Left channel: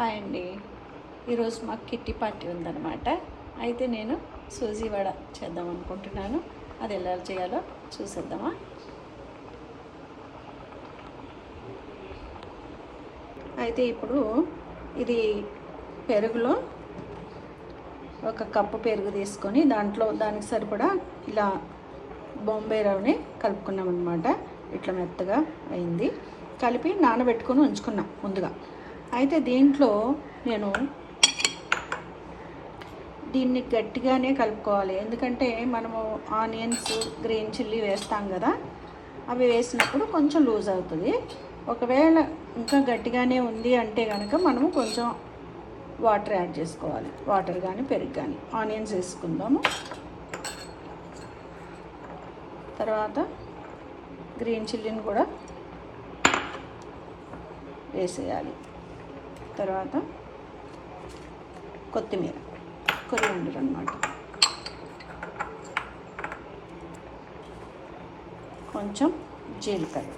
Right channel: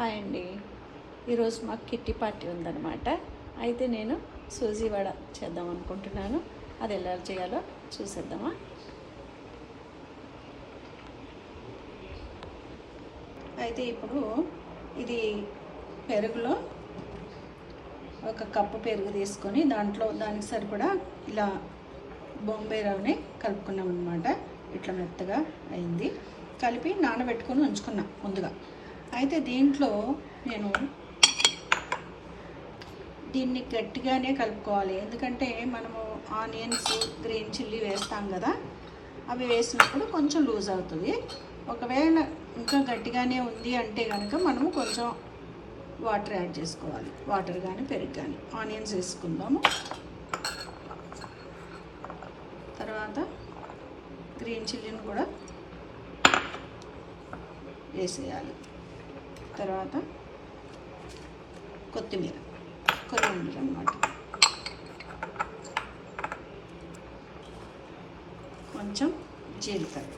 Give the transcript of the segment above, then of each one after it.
Hi అండి. ఈరోజు మాకు కిట్టి పార్టీ ఉందన్నమాట. అయితే నేను సూజీ వడ చేద్దాం అనుకుంటున్నాను. అది ఎలా చేయాలో చూసేద్దామా. అయితే ఇప్పుడు ఇది పెరుగులో ఒక కప్పు పెరుగు తీసుకొని దానికి సరిపడా ఇలా బొంబాయి రవ్వని కలుపుకున్నాం అనమాట. ఇట్లా మెత్తగా అయింది. కలిపి నానబెట్టుకొని ఉంచుకున్నాం ముందుగా. అయితే దీంట్లో నేను దీన్ని గట్టిగానే కలుపుకోవాలి, ఎందుకంటే మనము ఆనియన్స్, గ్రీన్ చిల్లీ వేస్తాం కదా, అవి వేసినప్పుడు కొంచెం లూజ్ అవుతుంది. ఒకవేళ ఇంకా గట్టిగానే ఉంది అంటే కనుక మనము కొంచెం వాటర్ యాడ్ చేసుకోవాలి. వాటర్ కానీ పెరుగు కానీ. ఆనియన్స్ వేసుకుందాము, తర్వాత గ్రీన్ చిల్లీని కూడా వేసేయాలి. తర్వాత కొత్తిమీర, కొరియాండర్ అన్నమాట, కొంచెం జీలకర్ర.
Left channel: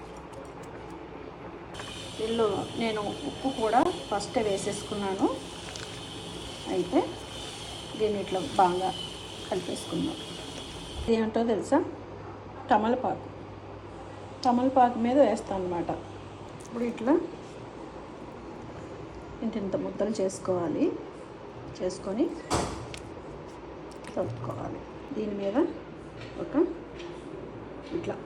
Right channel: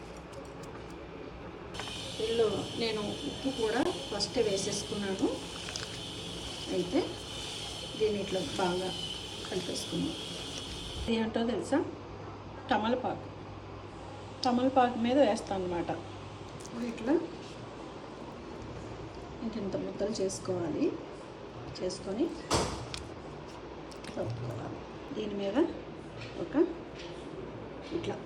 ఇందులో నేను ఉప్పు కూడా ఫస్ట్ వేసేసుకున్నాను. అయితే దీన్ని ఇట్లా బాగా కలిపేసుకుందాం. ఏమిటో తెలుసా, తమలపాకు మీద వేస్తాను అన్నమాట. ఇప్పుడు ఇట్లా ఇంత ముద్దలు చేసుకొని కలుపుకోవాలి. దీని మీద ఇట్లా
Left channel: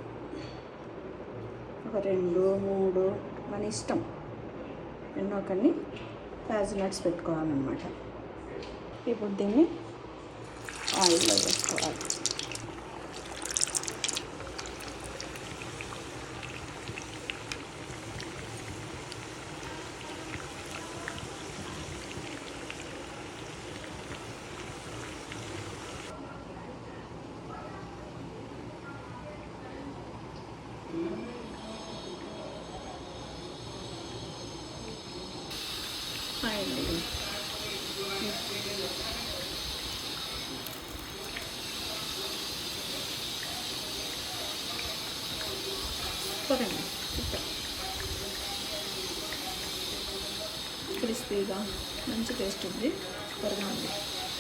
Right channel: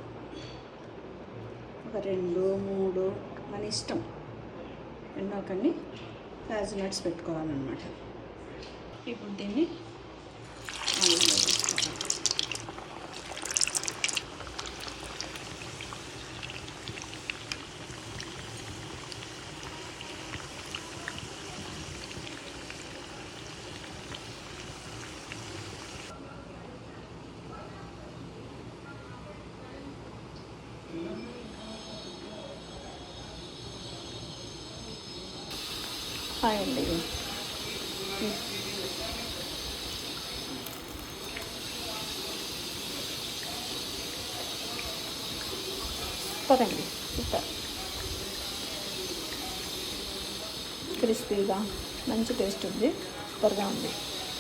ఒక 2, 3 మన ఇష్టం ఎన్నో కొన్ని క్యాజు పెట్టుకోవాలన్నమాట. ఇప్పుడు దీన్ని ఆయిల్లో వేసుకోవాలి. అండి పదండి, క్రిస్పీగా మంచి టేస్ట్ ఉంది, సూపర్గా ఉంది.